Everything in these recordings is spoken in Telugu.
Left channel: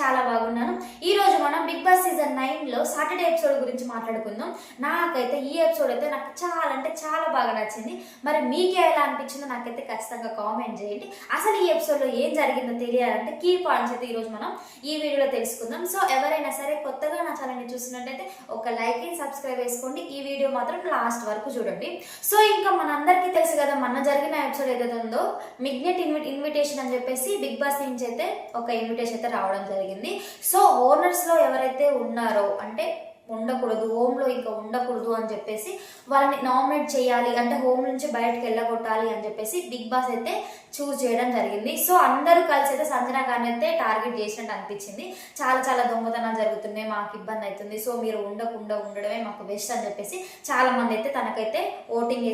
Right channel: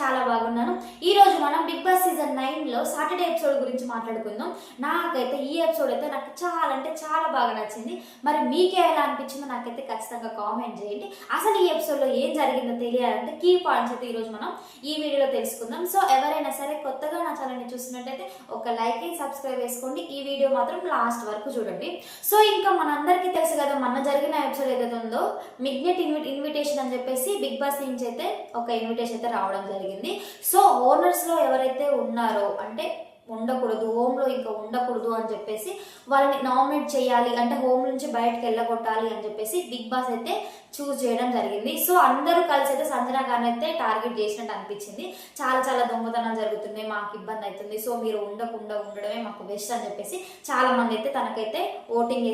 చాలా బాగున్నాను. ఈ రోజు మనం బిగ్ బాస్ సీజన్ 9 లో సాటర్డే ఎపిసోడ్ గురించి మాట్లాడుకుందాం. నాకైతే ఈ ఎపిసోడ్ అయితే నాకు చాలా అంటే చాలా బాగా నచ్చింది. మరి మీకే ఎలా అనిపించిందో నాకైతే ఖచ్చితంగా కామెంట్ చేయండి. అసలు ఈ ఎపిసోడ్ లో ఏం జరిగిందో తెలియాలంటే కీ పాయింట్స్ అయితే ఈ రోజు మనం ఈ వీడియోలో తెలుసుకుందాం. సో ఎవరైనా సరే కొత్తగా నా ఛానల్ ని చూస్తున్నట్టయితే ఒక లైక్ అండ్ సబ్స్క్రైబ్ చేసుకోండి. ఈ వీడియో మాత్రం లాస్ట్ వరకు చూడండి. సో ఇంకా మనందరికీ తెలుసు కదా, మొన్న జరిగిన ఎపిసోడ్ ఏదైతే ఉందో మిగ్నెట్ ఇన్విటేషన్ అని చెప్పేసి బిగ్ బాస్ నుంచి అయితే ఒక ఇన్విటేషన్ అయితే రావడం జరిగింది. సో ఓనర్స్ లో ఎవరైతే ఉన్నారో అంటే ఉండకూడదు, హోమ్ లో ఇంకా ఉండకూడదు అని చెప్పేసి వాళ్ళని నామినేట్ చేయాలి, అంటే హోమ్ నుంచి బయటకు వెళ్ళగొట్టాలి అని చెప్పేసి బిగ్ బాస్ అయితే చూస్ చేయడం జరిగింది. సో అందరూ కలిసి అయితే సంజన గారిని అయితే టార్గెట్ చేసినట్టు అనిపించింది. చాలా చాలా దొంగతనాలు జరుగుతున్నాయి, మాకు ఇబ్బంది అవుతుంది, సో మీరు ఉండకుండా ఉండడమే మాకు బెస్ట్ అని చెప్పేసి చాలా మంది అయితే తనకైతే ఓటింగ్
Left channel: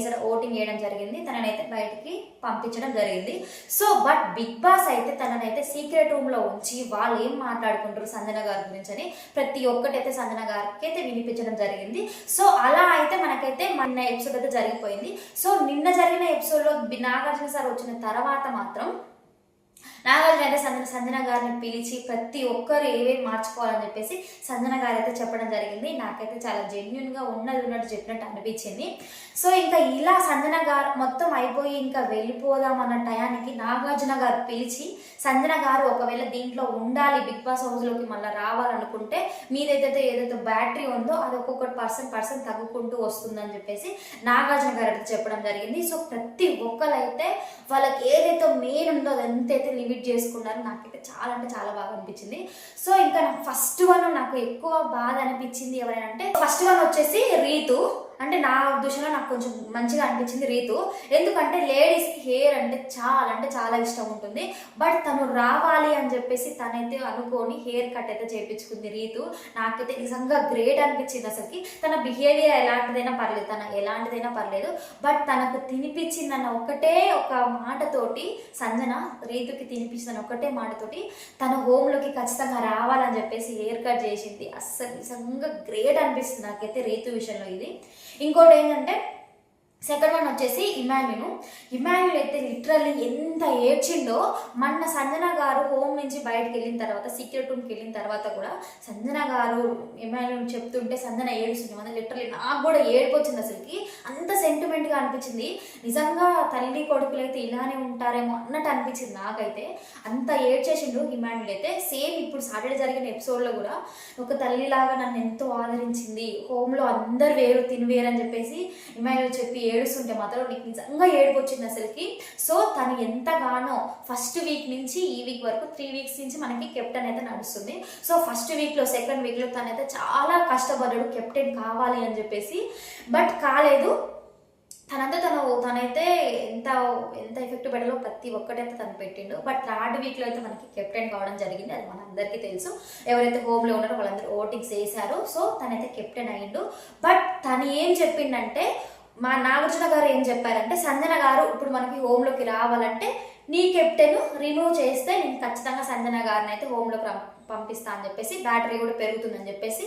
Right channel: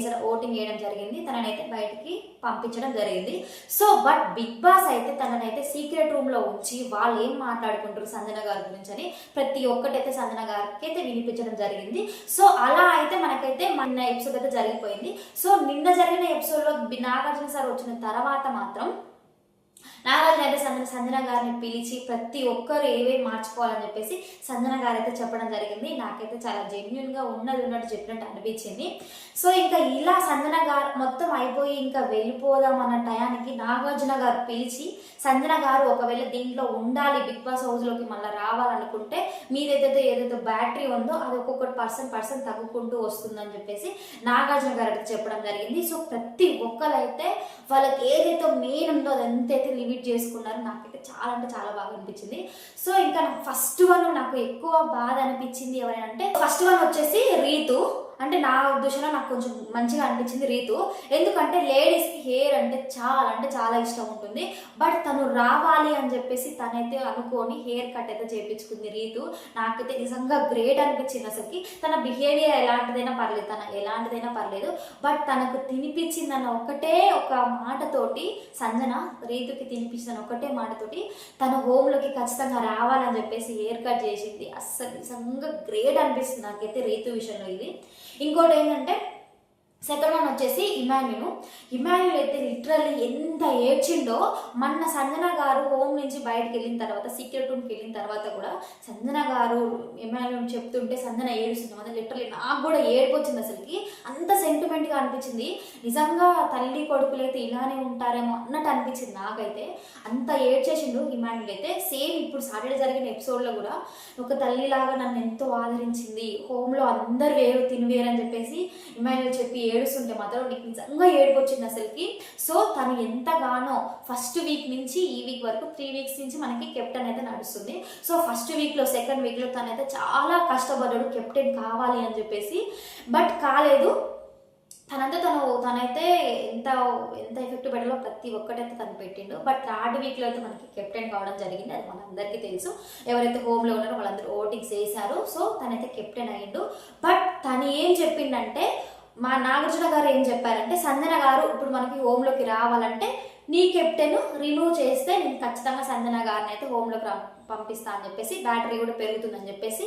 వేయడం జరిగింది. తననైతే బయటికి పంపించడం జరిగింది. సో బట్ బిగ్ బాస్ అయితే తననైతే సీక్రెట్ రూమ్ లో ఉంచి వాళ్ళు ఏం మాట్లాడుకుంటారు సంజన గారి గురించి అని ప్రతి ఒక్కటైతే సంజన గారికి అయితే వినిపించడం జరిగింది. సో అలా అయితే మనకైతే మొన్న ఎపిసోడ్ అయితే జరిగిపోయింది. సో నిన్న జరిగిన ఎపిసోడ్ లో నాగార్జున సార్ వచ్చిన తర్వాత మాత్రం నాగార్జున అయితే సంజన గారిని పిలిచి ప్రతి ఒక్కరు ఏవేవి మార్చుకోవాలని చెప్పేసి సంజన గారు అయితే చెప్పడం జరిగింది. నాకైతే చాలా జెన్యున్ గా ఉన్నట్టు చెప్పినట్టు అనిపించింది. సో ఇంకా ఇలా సంజన గారు మొత్తం అయిపోయి ఇంకా వెళ్ళిపోదాం అన్న టయానికి నాగార్జున గారు పిలిచి సంజన గారు ఒకవేళ దీంట్లో ఉండాలి, బిగ్ బాస్ హౌస్ లోకి మళ్ళీ రావాలనుకుంటే మీదైతే ఏదైతే బ్యాటరీ ఉందో అది ఒక్కొక్కటి పర్సన్ తగ్గుకుంటూ వస్తుందని చెప్పేసి నాగార్జున గారు అయితే చెప్పడం జరిగింది. సో ప్రతి ఒక్కరైతే వాళ్ళకి ఏదైతే మెయిన్ ఉందో అదంతైతే లిమిట్ చేసుకున్నారు. నాకైతే చాలా అంటే చాలా బాగా అనిపించింది. సో ఇంకా నాకు ఫస్ట్ వన్ నాకు ఎక్కువ బాధ అనిపించింది ఎవరైనా అంటే ఫస్ట్ వన్ వచ్చేసి రీతు. అంటే నా ఉద్దేశంలో నాకు కొంచెం మంచిగా అనిపించింది రీతు. ఎందుకంటే లేడీస్కి హెయిర్ అంటే చాలా ఇష్టం ఉంటుంది. బట్ తను రావాలి అని చెప్పేసి తనైతే అనుకొని హెయిర్ కట్ అయితే చేయించుకుంది రీతు. నాకైతే నిజంగా గ్రేట్ అనిపించింది. అసలుకి తన బిహేవియర్ ఎలాంటిదైనా పర్లేదు, బట్ తనకు తినిపించిందన్న ఒకటే ఒక మాటతోటి సంజన రీతుకి తినిపించిందన్న ఒకటే మాటతోటి తన హోమ్లోకి ఖచ్చితంగా రావాలని చెప్పేసి హెయిర్ కట్ చేసింది. అస్సలు నిజంగా గ్రేట్ అనిపిస్తుంది నాకైతే రీతు విషయంలో ఇది. ఇంకోటి ఏంటంటే సెకండ్ వన్ వచ్చేసి ఇమాన్యుల్ అయితే లిటరల్లీ ఎంత ఏడ్చిండో. మొన్న సంజన గారు హోమ్ నుంచి బయటకు వెళ్ళిన తర్వాత సీక్రెట్ రూమ్కి వెళ్ళిన తర్వాత కూడా సంజన గారు ఇమాన్యుల్ చెప్తుంటే సంజన ఏడుస్తుంది. మన లిటరల్లీ నాకు కూడా ఏడుపు వచ్చింది. అసలుకి అంత సెంటిమెంట్గా అనిపించింది. నిజంగా తల్లి కొడుకులు అయితే ఇలానే ఉంటారేమో అన్నట్టు అనిపించింది నాకైతే. అంత ఏడ్చేసిండు ఇమాన్యుల్ అయితే. సేమ్ ఇప్పుడు సాటర్డే జరిగిన ఎపిసోడ్లో కూడా ఒక తల్లిలాగా నన్ను ఎంతో ఆదరించింది, హోమ్లో అందరు తిని వేరు అని చెప్పేసి ఇమాన్యుల్ చెప్పి ఏడుస్తుంటే మాత్రం నీకు నిజంగా ఏడుపు వచ్చింది అసలుకి. సో తను ఎంతగానో ఫస్ట్ వీక్ నుంచి ఈ వీక్ వరకు 3 వీక్స్ నుంచి మనకి కెప్టెన్ అయితే నడుస్తుంది. సో ఫస్ట్ వీక్లో సెకండ్ వీక్లో తనైతే చాలా కష్టపడ్డాడు కెప్టెన్ కావాలి అని చెప్పేసి, బట్ కాలేదు. తనైతే ఎంత ఎఫెక్ట్ పెట్టాలో ప్రతి ఒక్కటైతే తను పెట్టిండు. బట్ థర్డ్ వీక్లో అయితే మనకి కెప్టెన్ కావడం జరిగింది. అది మనందరికీ తెలుసు. ఎవరైతే హోమ్లో ఉన్నారో వాళ్ళందరూ ఓటింగ్స్ వేశారు. సో తనైతే కెప్టెన్ అయ్యిండు. బట్ తను ఏం చెప్పిండంటే, మా నాగార్జున గారు ఏం చెప్పారంటే సంజన గారు ఇప్పుడు మనకి హోమ్లోకి రావాలంటే నీ కెప్టెన్ రిమూవ్ చేస్తే నేను ఖచ్చితంగా సంజన గారిని అయితే హోమ్లోకి పంపిస్తా అని చెప్పేసి, బ్యాటరీ కూడా పెరుగుతుందని చెప్పేసి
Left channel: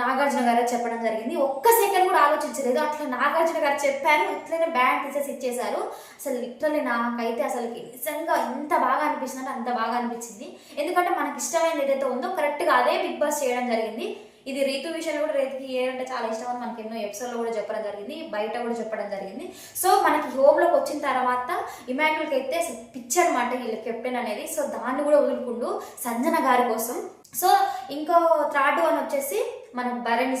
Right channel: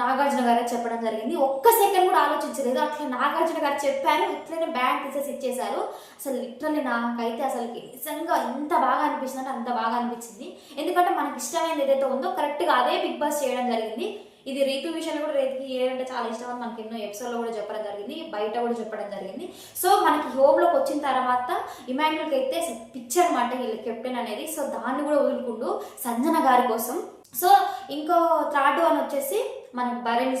నాగార్జున గారు చెప్పడం జరిగింది. ఒక్క సెకండ్ కూడా ఆలోచించలేదు. అట్లా నాగార్జున గారు చెప్పారు, ఇట్లనే బ్యాంక్ తీసేసి ఇచ్చేశారు. అసలు లిటరల్లీ నాకైతే అసలు నిజంగా ఎంత బాగా అనిపించింది అంటే అంత బాగా అనిపించింది. ఎందుకంటే మనకి ఇష్టమైనది ఏదైతే ఉందో కరెక్ట్గా అదే బిగ్ బాస్ చేయడం జరిగింది. ఇది రీతు విషయంలో కూడా రీతుకి హెయిర్ అంటే చాలా ఇష్టం అని మనకి ఎన్నో ఎపిసోడ్లో కూడా చెప్పడం జరిగింది, బయట కూడా చెప్పడం జరిగింది. సో మనకి హోమ్లోకి వచ్చిన తర్వాత ఇమాన్యుల్కి అయితే పిచ్చి అనమాట వీళ్ళ కెప్టెన్ అనేది. సో దాన్ని కూడా వదులుకుంటూ సంజన గారి కోసం. సో ఇంకో థర్డ్ వన్ వచ్చేసి మనకి భరణి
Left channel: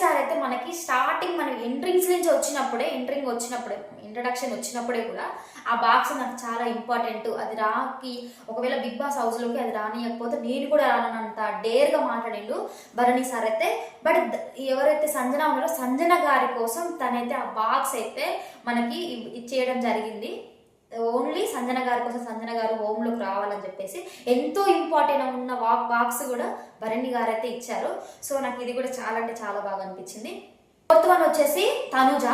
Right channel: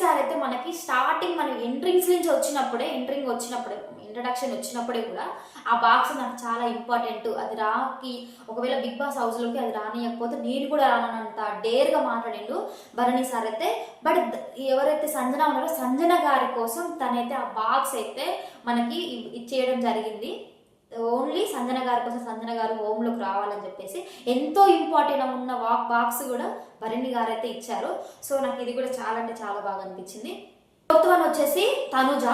సార్ అయితే మనకి స్టార్టింగ్ మనం ఇంట్రడక్షన్ వచ్చినప్పుడే కూడా ఆ బాక్స్ నాకు చాలా ఇంపార్టెంట్, అది ఒకవేళ బిగ్ బాస్ హౌస్లోకి అది రానియకపోతే నేను కూడా రానంత డేర్గా మాట్లాడిండు భరణి సార్ అయితే. బట్ ఎవరైతే సంజన ఉన్నారో సంజన గారి కోసం తనైతే ఆ బాక్స్ అయితే మనకి ఇచ్చేయడం జరిగింది. ఓన్లీ సంజన గారి కోసం సంజన గారు హోమ్లోకి రావాలని చెప్పేసి ఎంతో ఇంపార్టెంట్ ఉన్న బాక్స్ కూడా భరణి గారు అయితే ఇచ్చారు. సో నాకు ఇది కూడా చాలా అంటే చాలా బాగా అనిపించింది. ఫోర్త్ వన్ వచ్చేసి తనుజ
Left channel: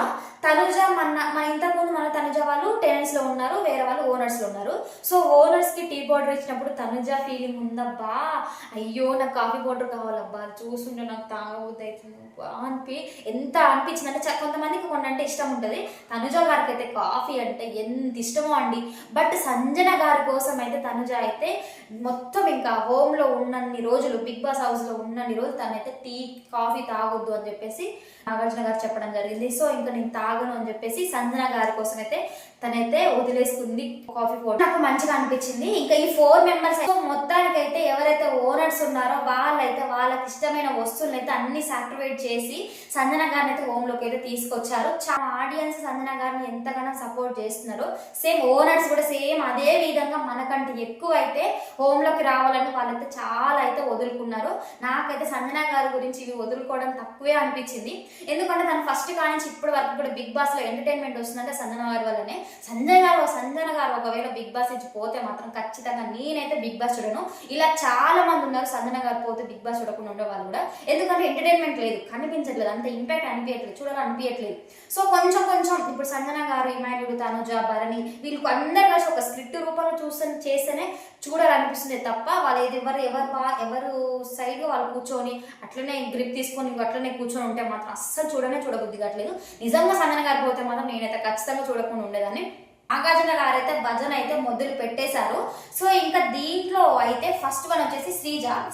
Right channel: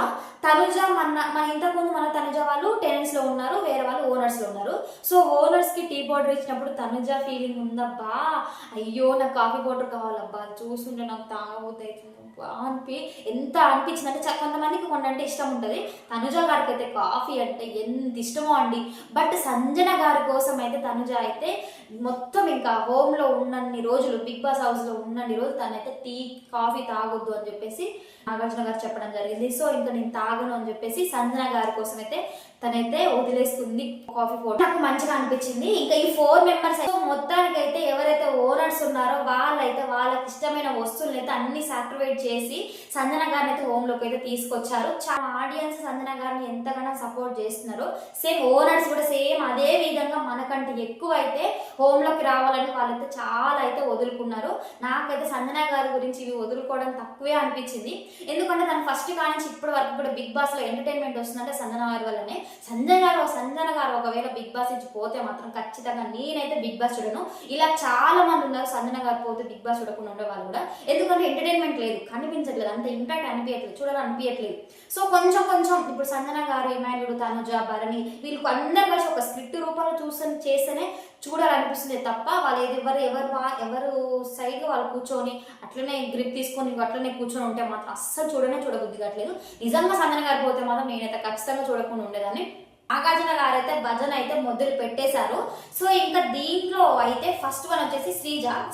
మన ఇంతకుముందు మన తనుజ వాళ్ళు టెనెంట్స్ లో ఉన్నారు, వేరే వాళ్ళు ఓనర్స్ లో ఉన్నారు. సో ఓనర్స్ కి టీ పౌడర్ ఇచ్చినప్పుడు తనుజ ఫీలింగ్ ఉందబ్బా, అయ్యో నాకు కాఫీ పౌడర్ కావాలబ్బా, చూస్తుంటే నాకు తాగబోద్ది అవుతుంది అనిపి ఎంత అనిపించిందంటే, కొంతమందికి కొన్ని అంటే ఇష్టం ఉంటుంది. తనుజ గారికి అయితే కాఫీ అంటే ఎంత ఇష్టమో అండి. బట్ సంజన గారి కోసం అయితే తనుజ అయితే మొత్తం ఇంకా హోమ్లో ఉన్నన్ని రోజులు, బిగ్ బాస్ హౌస్లో ఉన్నన్ని రోజులు తనైతే టీ కాఫీ తాగొద్దు అని చెప్పేసి నాగార్జున గారు చెప్పడం జరిగింది. సో ఇంకా నేను తాగను అని చెప్పేసి సంజన గారి కోసం అయితే తనైతే వదిలేసుకుంది కాఫీ పౌడర్. నాకు మంచిగా అనిపించింది. ఇంకా ఈ 4 మెంబర్స్ మొత్తానికైతే ఎవరైతే ఓనర్స్ ఉన్నారో వాళ్ళైతే వాళ్ళకి ఇష్టమైన వస్తువులను అయితే అన్ని సాక్రిఫైస్ చేసి సంజన గారిని అయితే హోమ్ లోకి అయితే తీసుకొచ్చారు. చాలా ఆడియన్స్ సంజన గారిని ఎంతగానో సపోర్ట్ చేస్తున్నారు. సేమ్ ఓనర్స్ కూడా సేమ్ అదే విధంగా మనకంటే ఎక్కువ అయితే హోమ్ లోకి రావాలని వాళ్ళైతే చాలా అయితే వదులుకున్నారు. నాకైతే సంజన గారి గురించి ఇవి వదులుకోవడం తక్కువే అనిపించింది. ఎందుకంటే తను ఫస్ట్ కానించి ఇప్పటి వరకు కూడా బిగ్ బాస్ లో ఎంటర్టైన్మెంట్ వస్తుందంటే సంజన గారి వల్లనే. సంజన గారు ఒకవేళ బిగ్ బాస్ నుంచి పోతే మాత్రం ఖచ్చితంగా నేనైతే బిగ్ బాస్ చూడను. ఇలా చాలా మంది ఉన్నారు సంజన గారు పోతే బిగ్ బాస్ చూడకుండా ఉండే వాళ్ళు కూడా. ఎందుకంటే ఎంటర్టైన్మెంట్ లేదు, కనిపించట్లేదు, అంత ఇంపాక్ట్ అనిపించట్లేదు, చూడాలనిపించట్లేదు. సో కొంచెం ఇప్పుడు సంజన గారు, ఇమాన్యుడు, తనుజ, భరణి వీళ్ళకి అందరు కలిసి ఒక స్క్రిప్ట్ రూపంలో చేస్తేనే చూడాలనిపిస్తుంది తప్ప వాళ్ళు ఎవరు సైడ్ వాళ్ళు కూర్చొని అట్లనే గ్రిప్ తీసుకొని అట్లనే కూర్చొని ఉంటే మాత్రం అస్సలు చూడబుద్ధి కావట్లేదు. నిజంగా సంజన గారు పోతే మాత్రం నేనైతే ఖచ్చితంగా చూడకుండా ఉండేదాన్ని. నాగార్జున గారు అయితే భజన అయితే మొదలు పెట్టేశారు. సో ఇంకా దీంట్లో అయితే ఫస్ట్ వన్ వచ్చేసి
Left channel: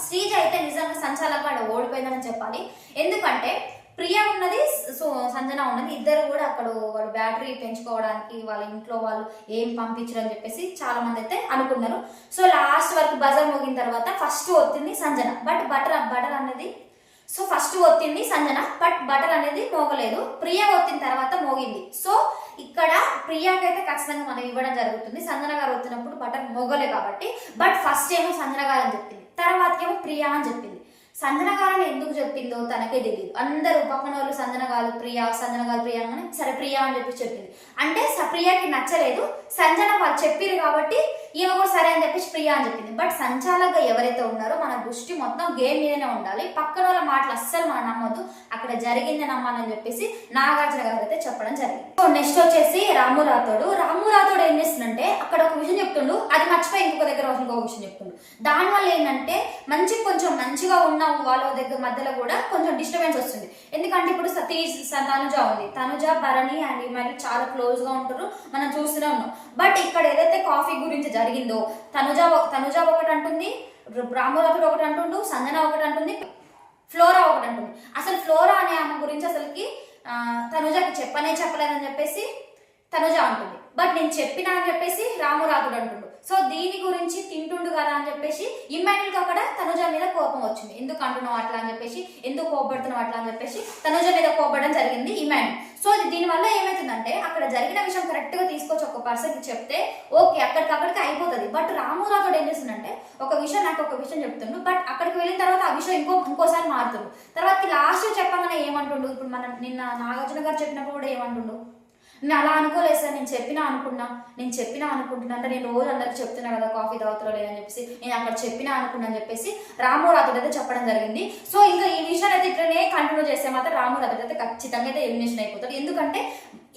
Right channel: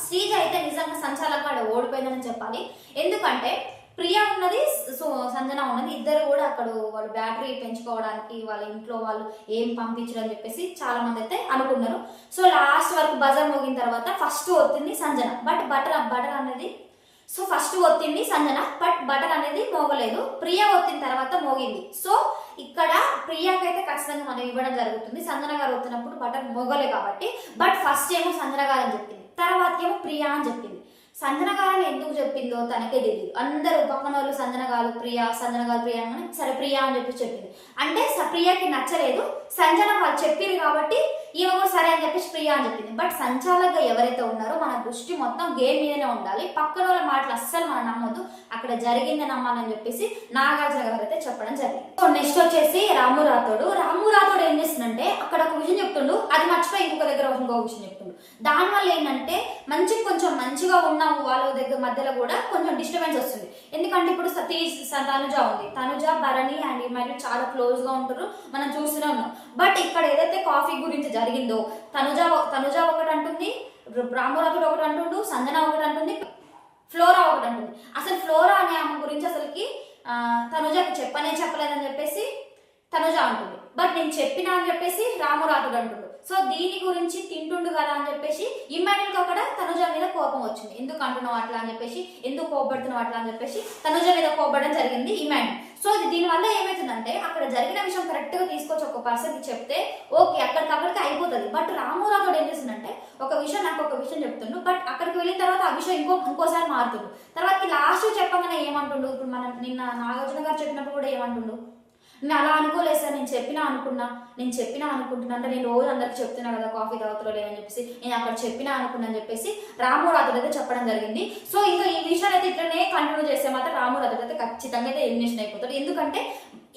శ్రీజ అయితే నిజంగా సంచాలకంగా ఓడిపోయిందని చెప్పాలి. ఎందుకంటే ప్రియా ఉన్నది, సో సంజన ఉన్నది, ఇద్దరు కూడా అక్కడ వాళ్ళు బ్యాటరీ పెంచుకోవడానికి వాళ్ళ ఇంట్లో వాళ్ళు ఏం పంపించరు అని చెప్పేసి చాలా మంది అయితే అనుకున్నారు. సో లాస్ట్ వరకు బజర్ మోగిన తర్వాత ఫస్ట్ వచ్చింది సంజన, బట్ బటర్ అనేది ఫస్ట్ ఒత్తింది సంజన, బట్ బటర్ అనేది మోగలేదు. ప్రియా ఒత్తిన తర్వాత మోగింది. సో ఇక్కడ ప్రియాకైతే ఖచ్చితంగా మనం ఇవ్వడం జరుగుతుంది. సంజన గారు వచ్చినప్పుడు బటర్ మోగలే కాబట్టి. బట్ ఫస్ట్ ఏమో సంజన గారు అని చెప్పింది, తర్వాత ఏమో ప్రియా అని చెప్పింది. సంజన గారిని ఎందుకు చెప్పిందో తనకే తెలియదు. అందరూ పక్కన వాళ్ళు సంజన గారు ప్రియా అని సరే ప్రియా అని చెప్పింది. అంటే ప్రియాకి నచ్చలేదు, సంజన వాళ్ళు చెప్పారు కాబట్టి ఈమె కూడా సరే అని చెప్పేసి ప్రియా అని చెప్పింది. బట్ సంచాలకుగా ఎవరైతే ఉన్నారో మన దృష్టి మొత్తం గేమ్ మీదనే ఉండాలి, పక్కన వాళ్ళ మాటలు అస్సలు మనం నమ్మొద్దు, అక్కడ జరిగింది నమ్మాలని చెప్పేసి నాగార్జున గారు అయితే చెప్పడం జరిగింది. సో నెక్స్ట్ వచ్చేసి రాము రాథోడ్ ఏం చేస్తుందంటే అక్కడ ఒక విషయం చెప్తుండు, అది మర్చిపోయి ఇంకొక దగ్గర ఇంకొక విషయం చెప్తుండు. దానివల్ల ఏంటంటే కొంచెం మంచిగా ఉన్న వాళ్ళ దగ్గర మధ్యలో కూడా కొంచెం డిస్టర్బెన్స్ వస్తుంది. ఎందుకంటే ఇప్పుడు తనుజ ఉంది, తనుజ భరణి అండ్ ఇమాన్యుడు చాలా క్లోజ్ గా ఉంటారు, మనం చూస్తూనే ఉన్నాం. బట్ ఇక్కడ ఏదైతే కాఫీ గురించి జరిగిందో తనుజ ఒకటి అంటుంది, రామురాథుడు ఒకటి అంటుండు, సంజన ఒకటి అంటుంది, ఫ్లోరా ఒకటి అంటుంది. అసలు ఫ్లోరా అనే ఆమె గురించి అసలుకి తనుజకి చెప్పలేదని చెప్పేసి తనుజ అంటుంది. బట్ నేను చెప్పినా అని చెప్పేసి రామురాథుడు అంటుండు. సో దీని గురించి తింటుండు కదా అని చెప్పేసి ఇమాన్యుల్కి అక్కడ తనుజ మీద కోపం వచ్చింది. ఎందుకు అంటున్నావు అట్లా అని చెప్పేసి, ఎందుకు కోపడుతున్నావు అట్లా అని చెప్పేసి తనుజ మీద కోపడడం జరిగింది ఇమాన్యుల్. సో దీనివల్ల ఏమవుతుందంటే అక్కడ జరిగిన విషయం కరెక్ట్ గా తీసుకొచ్చి ఒక పర్సన్కి చెప్తే ఓకే అక్కడికి అయిపోతుంది. బట్ రామురాథోడు ఏం చేస్తుందంటే నాకు ఒక విషయం చెప్తుండు, బట్ అక్కడికి వెళ్ళిన తర్వాత ఆ విషయం ఇంకోసారి మారుతుండు. తర్వాత లాస్ట్ చెప్పగానే ఏమంటుండు, ఇప్పుడు మనం నిన్న నాగార్జున గారు చెప్పినప్పుడు కూడా ఏమంటుండు, నేను అలా అనుకోలేదు సార్, నేను చెప్పినా అనుకుంటున్నా అంటే నేను రోజు అందరికి చెప్తున్నా కదా కాఫీ తాగుతారో లేదని చెప్పేసి, నేను అక్కడ చెప్పినా అనుకున్నా అని చెప్పేసి రామురాథోడు అయితే చెప్పడం జరిగింది. సో ఇంకా ఈ విషయాన్ని అయితే ఇట్లనే కంటిన్యూ చేస్తే మాత్రం రామురాథోడు అయితే ఖచ్చితంగా అయితే ఎలిమినేషన్ అయిపోతాడు. ఎందుకంటే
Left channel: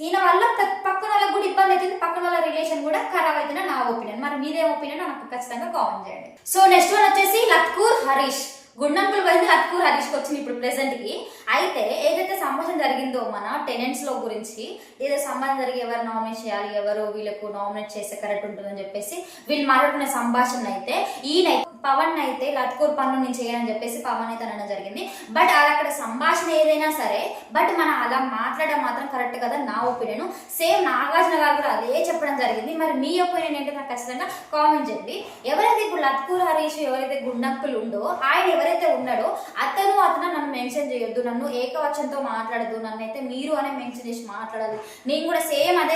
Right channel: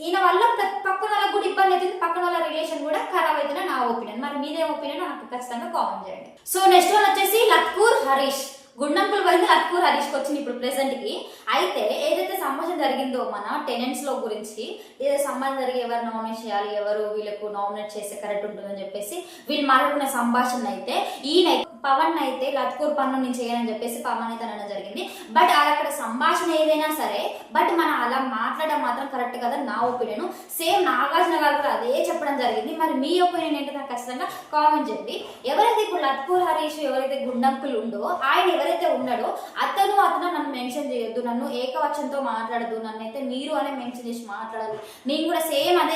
ఈయన వల్ల పక్కన వాళ్ళకి కూడా ఇబ్బంది అవుతుంది, పక్కన వాళ్ళ రిలేషన్ కూడా ఖరాబ్ అవుతుంది నా ఒపీనియన్. మరి మీదే ఒపీనియన్ నాకు ఖచ్చితంగా కామెంట్ చేయండి. సో నెక్స్ట్ వన్ వచ్చేసి లత్కూర్ హరీష్. గుండంకులు పోయింది, లత్కూర్ హరీష్కి వచ్చింది ఇప్పుడు ప్రెసెంట్ కి. అయితే ఏదైతే సంభాషణ జరిగిందో మన టెనెంట్స్ లో గురించి, ఏదో సంభాషణ జరిగి ఎవరు నామినేట్ చేయాలి, ఎవరు వీళ్ళకు నామినేట్ చేస్తే కరెక్ట్ ఉంటుందని చెప్పేసి వీళ్ళు మాట్లాడుకునే సంభాషణ అయితే ఈయన పవన్ అయితే లత్కూర్ పన్ను నేను చేయని చెప్పేసి పవన్ అయితే అనడం జరిగింది. బట్ అక్కడ సంభాషణ ఏదైనా సరే, బట్ మనం అలా మాట్లాడడం మాత్రం కరెక్ట్ కదా నా ఒపీనియన్. సేమ్ నాగార్జున గారు కూడా అదే చెప్పడం జరిగింది. మరి మీ ఒపీనియన్ ఏంటో నాకు ఖచ్చితంగా కామెంట్ చేయండి. ఎవరైతే ఇప్పుడు లత్కూర్ హరీష్ ఎవరైతే గుండంకులు ఉందో ఆయన ఎవరైతే ఉన్నాడో అతను నన్ను మెన్షన్ చేయొద్దు, నన్ను ఏకవచనంతో మాట్లాడద్దు, నన్ను అయితే మీరు అనే మెన్షన్ చేసి మాట్లాడాలి, నేను కూడా సేమ్ అదే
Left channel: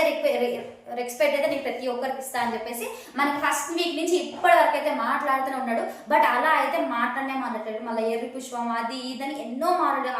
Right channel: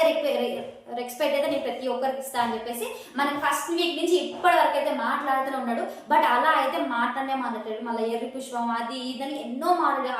రెస్పెక్ట్ అయితే నేను ప్రతి ఒక్కరికి ఇస్తా అని చెప్పేసి మనకి ఫస్ట్ వీక్ నుంచి ఇప్పటి వరకు అయితే మాట్లాడుతూనే ఉన్నాడు. బట్ అలా అయితే మాట్లాడలేదు. మళ్ళీ ఎర్రి పుష్పం అది ఇదని ఎన్నో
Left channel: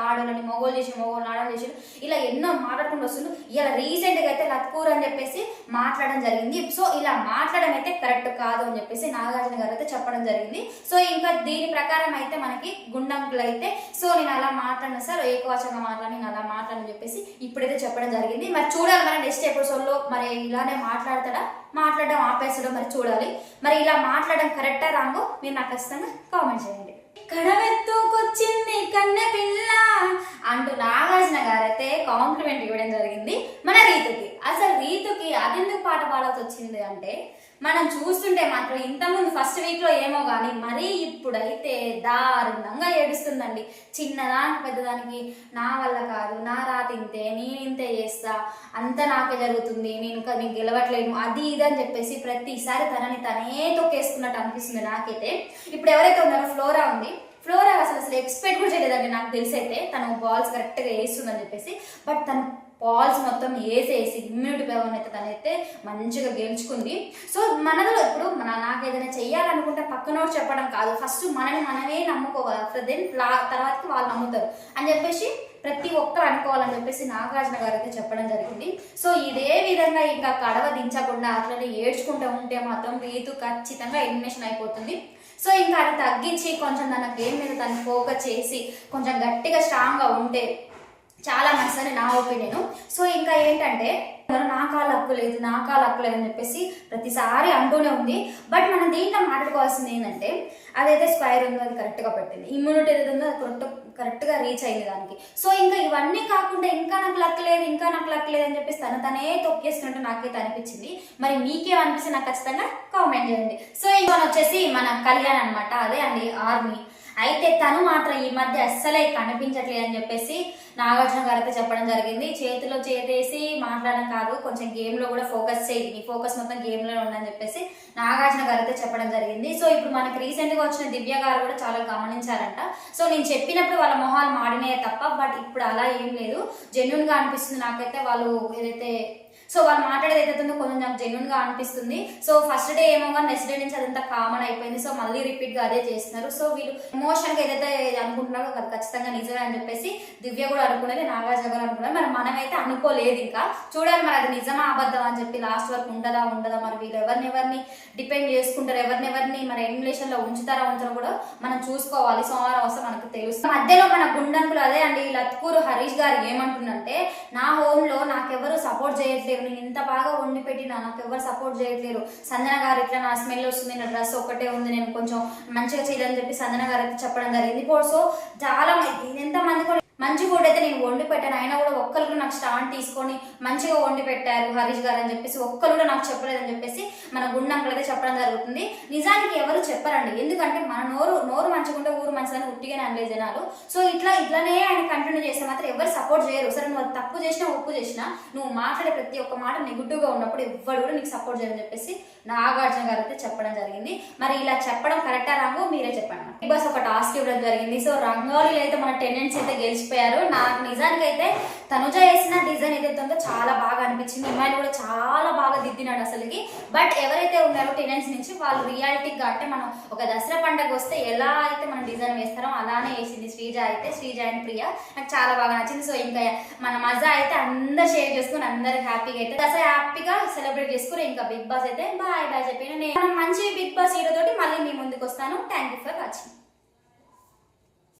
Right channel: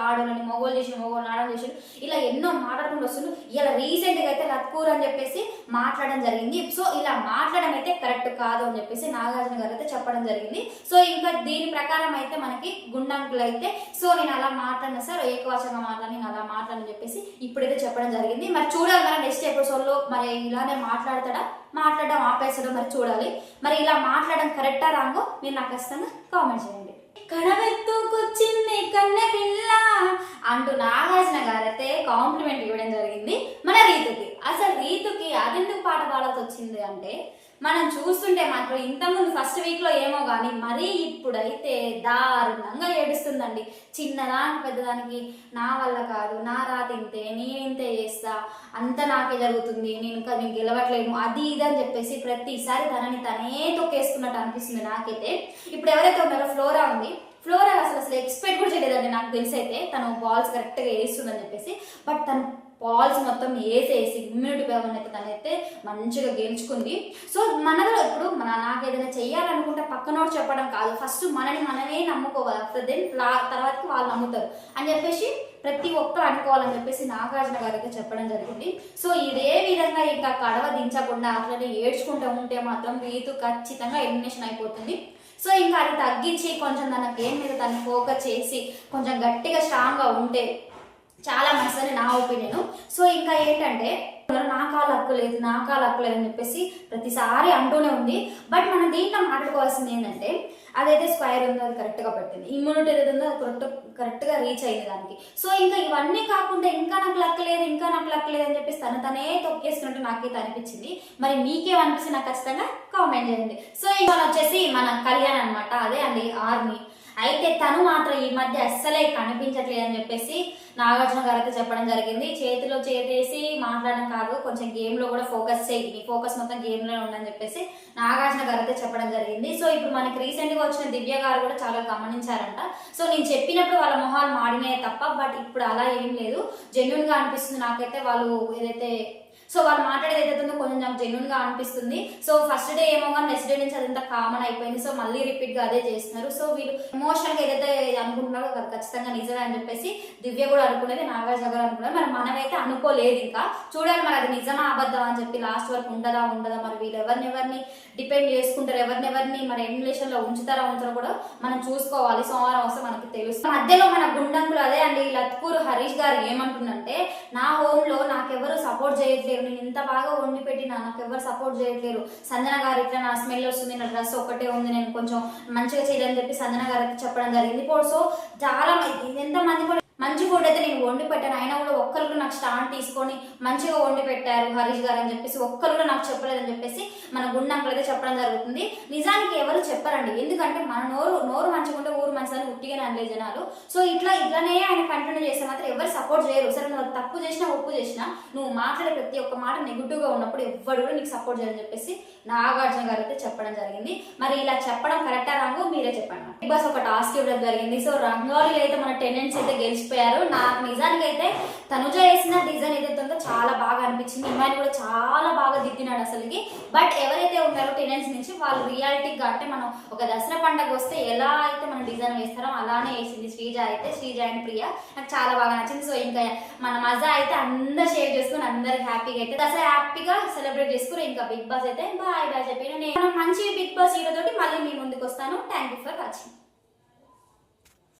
ఆడోళ్ళని మొగోలు చేసి మొగోళ్ళు ఆడలు చేసాడు, ఇలా ఎన్నో మాట్లాడుకుంటూ వస్తుండు. ఇలా రీసెంట్గా అయితే లత్కూర్ అని చెప్పేసి మాట్లాడడం జరిగింది. సో ఇలా మాట్లాడడం అయితే కరెక్ట్ కాదు అని చెప్పేసి నాగార్జున గారు అయితే చెప్పడం జరిగింది. సో ఇంకా దీని ప్రకారం అయితే మనకి గుండంకులు అయితే సో నేను అలా మాట్లాడిన సార్ ఏకవచనంగా మాట్లాడి నేను అలా మాట్లాడని చెప్పేసి ఇప్పుడైతే చెప్పడం జరిగింది. మరి చూడాలి మన నెక్స్ట్ ఎపిసోడ్ లో మరి ఇలానే మాట్లాడడం ఆపేసడం మరి చూడాలి. మరి ఇలా మాట్లాడడం కరెక్టా రాంగో మీరు నాకు ఖచ్చితంగా కామెంట్ చేయండి. కడవెత్తుకొచ్చింది కన్నె పిల్ల అంటూ నాగార్జున గారైతే కాంప్లిమెంట్ ఇవ్వడం జరిగింది మన రీతుకి. అసలు రీతుకి అదెందుకు పాట పాడాల్సి వచ్చింది అంటే, మనం చూస్తుంటే మాత్రం ఇంతకుముందు ఫస్ట్ వీక్లో ఏమో కానీ మరీ ఇప్పుడైతే దారుణంగా ఏడుస్తుందండి. చిన్నదానికి పెద్దదానికి నా వల్ల కాదు, నా రాత ఇంతే, నేను ఇంతే చేస్తా, అంతా నాకే జరుగుతుంది, నేను గెలవట్లేను, అది ఇది అని చెప్పేసి ప్రతిసారి తనని తనే తొక్కేసుకున్నట్టు అనిపిస్తుంది నాకైతే. ఇప్పుడు ఎవరైతే ఉన్నారో ఫ్లోరా ఉంది, ఫ్లోరా అసలు ఎక్స్పెక్ట్ కూడా చేయలేదండి నాకు తెలిసి అయితే తను బాల్స్ కరెక్ట్గా వేస్తుందని చెప్పేసి. బట్ తను బాల్స్ మొత్తం వేసేసి ఇమ్యూనిటీ పవర్ అయితే తనైతే మంచిగా గెలుచుకుంది. సో మనలో ఇప్పుడు నాకు ఏదైనా చెయ్యాలనుకుంటే పక్కనోడు చెప్పడం కాదు, ఫస్ట్ మనమే నమ్ముకోవాలి, ఆఫ్టర్ దెన్ తర్వాతకి వాళ్ళు నమ్ముతారు అని చెప్పేసి ప్రతి ఒక్కరు అనుకోవాలని చెప్పేసి నాగార్జున గారు అయితే చెప్పడం జరిగింది. సో ఇదే విధంగా ఇంకా కడవ దించకుండా అట్లనే ఏడ్చుకుంటూ ఉంటే మాత్రం రీతు ఖచ్చితంగా ఎలిమినేషన్ అయిపోతుంది. సో ఇంకా అది తగ్గించి కొంచెం తన గేమ్ మీద తను ఫోకస్ చేసి కొంచెం గట్టిగా స్ట్రాంగ్గా ఉంటే చాలా మంచిదని నా ఒపీనియన్. సో ఇంకా ఏంటంటే నా కాలు హక్కు లేదు అని చెప్పేసి ప్రతిసారి అంటూనే ఉంది. బట్ మనం దీంట్లో మాట్లాడుకోవాల్సింది ఏంటంటే, అదైతే స్క్వేర్ ఉందో అది కరెక్ట్గా పెట్టింది, ఇమ్యూనిటీ ఏదైతే ఉందో అది కరెక్ట్గా రీచ్ అయింది దానికి. సో ఇంకా ఇవన్నీ కాకుండా ఇంకా నాకు లక్ లేదు అని చెప్పేసి తనే తొక్కేస్తున్నట్టు నాకైతే అనిపించింది. మరి మీకేమనిపిస్తుంది నాకు ఖచ్చితంగా కామెంట్ చేయండి. సో ఇంకా వచ్చేసి మన కళ్యాణ్ అనమాట, అదే అండి ఆర్మీ. అయితే తను మాత్రం ఈ మధ్య అస్సలే కనిపించట్లేదు అని చెప్పేసి నాగార్జున గారు అయితే చెప్పడం జరిగింది. చేతిలో చేసేసి మాట్లాడడం కాదు, కొంచెం గేమ్లో కూడా ఫోకస్ చేయి, నీ ఫోకస్ మొత్తం గేమ్లోనే ఉండని చెప్పేసి నాగార్జున గారు అయితే చెప్పడం జరిగింది. సో ఇప్పుడు మనకి రీసెంట్గా వచ్చిన దివ్య గారు కూడా చాలా గమనించారంట. సో నేను చెప్పినప్పుడు వాళ్ళ మొహాలు మాడినే తప్ప, బట్ ఇప్పుడు అలా ఏం లేదు, జెన్యున్గా అనిపిస్తుంది నాకైతే. వాళ్ళు ఏదైతే సో వాళ్ళు మాట్లాడేది ఏదైతుందో కొంచెం నాకు జెన్యున్గా అనిపిస్తుంది. సో ఫస్ట్ డే ఏమో కానీ నెక్స్ట్ డే నుంచి అదంతా కామన్ అయిపోయింది. సో మళ్ళీ రిపీట్గా అదే చేస్తున్నారు. సో వీళ్ళు ఎమోషన్గా ఏదైతే అనుకుంటున్నారో అది ఖచ్చితంగా నిజమే అని చెప్పేసి దివ్య కూడా అనుకునేది, నాగార్జున గారు అనుకున్నారు. మరి మనమైతే అనుకోలేదు, ఇంకా చూడాలి మరి అది నిజమా అబద్ధం అని చెప్పి లాస్ట్ వరకు ఉండదా మరి వీళ్ళు ఎవరిని డిపెండ్ చేసుకుంటారు, ఎవరిని మరి ఎలిమినేషన్లో ఉంచుతారో కూడా మనం చూసుకోవాలి. సోమవారం వస్తే మనకు తెలుస్తుంది. మధ్యలో మన గుండంకులు అదే అండి లత్కూరు హరీష్ గారు ఏమంటుందంటే, నా హోమ్లో నాకెవరు సపోర్ట్ చేయట్లేదు, నేను ఇంత బాగా వండి పెట్టినా నాకు ఎవరు సపోర్ట్ చేయట్లేరు, సంజన గారు ఇట్లా నా స్మెల్ వస్తుంది, నా డ్రెస్ ఒకటే ఉంది, నేను కొంచెం మంచిగా చేయాలని చెప్పి సంజన గారు అయితే చెప్పడం జరిగింది. సో చాలా ఎంతమంది కూడా మంచి ఫుడ్ అయితే నేను వండి పెట్టాను, అయినా కూడా ఒక్కరు కూడా నాకు స్టాండ్ తీసుకొని మంచిగా వండి పెట్టారు హరీష్ గారు అని చెప్పేసి ఒక్కరు కూడా నాకు చెప్పలేదని చెప్పేసి మన గుండంకులు అయితే చెప్పడం జరుగుతుంది. నిజానికి ఎవరు చెప్పరండి, ఎందుకంటే మన నోరు మంచిగా ఉంటే ఊరు మంచిదని ఉట్టిగానే అనలే జనాలు. సో ఇట్లానే ఆయన కంటిన్యూ చేస్తే మాత్రం ఎవరు సపోర్ట్ చేయరు. సరే నువ్వు తప్పు చేసినా ఒప్పు చేసినా నువ్వు మాట్లాడే ప్రతి ఒక్క మాట నెగిటివ్గా ఉన్నప్పుడు ఎవ్వరు కూడా నీకు సపోర్ట్ చేయని చెప్పేసి నాగార్జున గారు అయితే చెప్పడం జరిగింది. మరి ఇలా చెప్పడం కరెక్టా రాంగో మీరే చెప్పండి. బిగ్ బాస్ ఒక టాస్క్ ఇవ్వడం జరిగింది. సో రంగోలీలో అయితే మన టెనెంట్స్ అయితే గెలిచిపోయారు. నాకు నిజానికి అయితే తనుజ వేసిన డిజైన్ ఏదైతే ఉందో చాలా బాగా అనిపించింది, ఇమ్మాయిని కూడా చాలా బాగా దిద్దినాడు అసలుకి. బట్ ఎవరైతే ఉన్నారో టెనెంట్స్ నుంచి వాళ్ళు రియాలిటీగా అంటే మనం ఒక దసరా పండుగ వస్తే ఎలా అయితే మనం డిజైన్ వేస్తారో అలానే వేసింది శ్రీజ అండ్ ప్రియ, నాకు చాలా బాగా నచ్చింది. సో ఇంకా మన మజా అయితే అందరు షేర్ చేసుకుని అందరు హ్యాపీగా అయితే దసరా హ్యాపీగా సెలబ్రేట్ చేసుకుని ఇంకా బిగ్ బాస్ అయితే బాయ్ చెప్పిన నేను మంచి బిగ్ బాస్ హీరో తోటి మళ్ళీ మీ ముందుకు వస్తాను. Thank you for watching.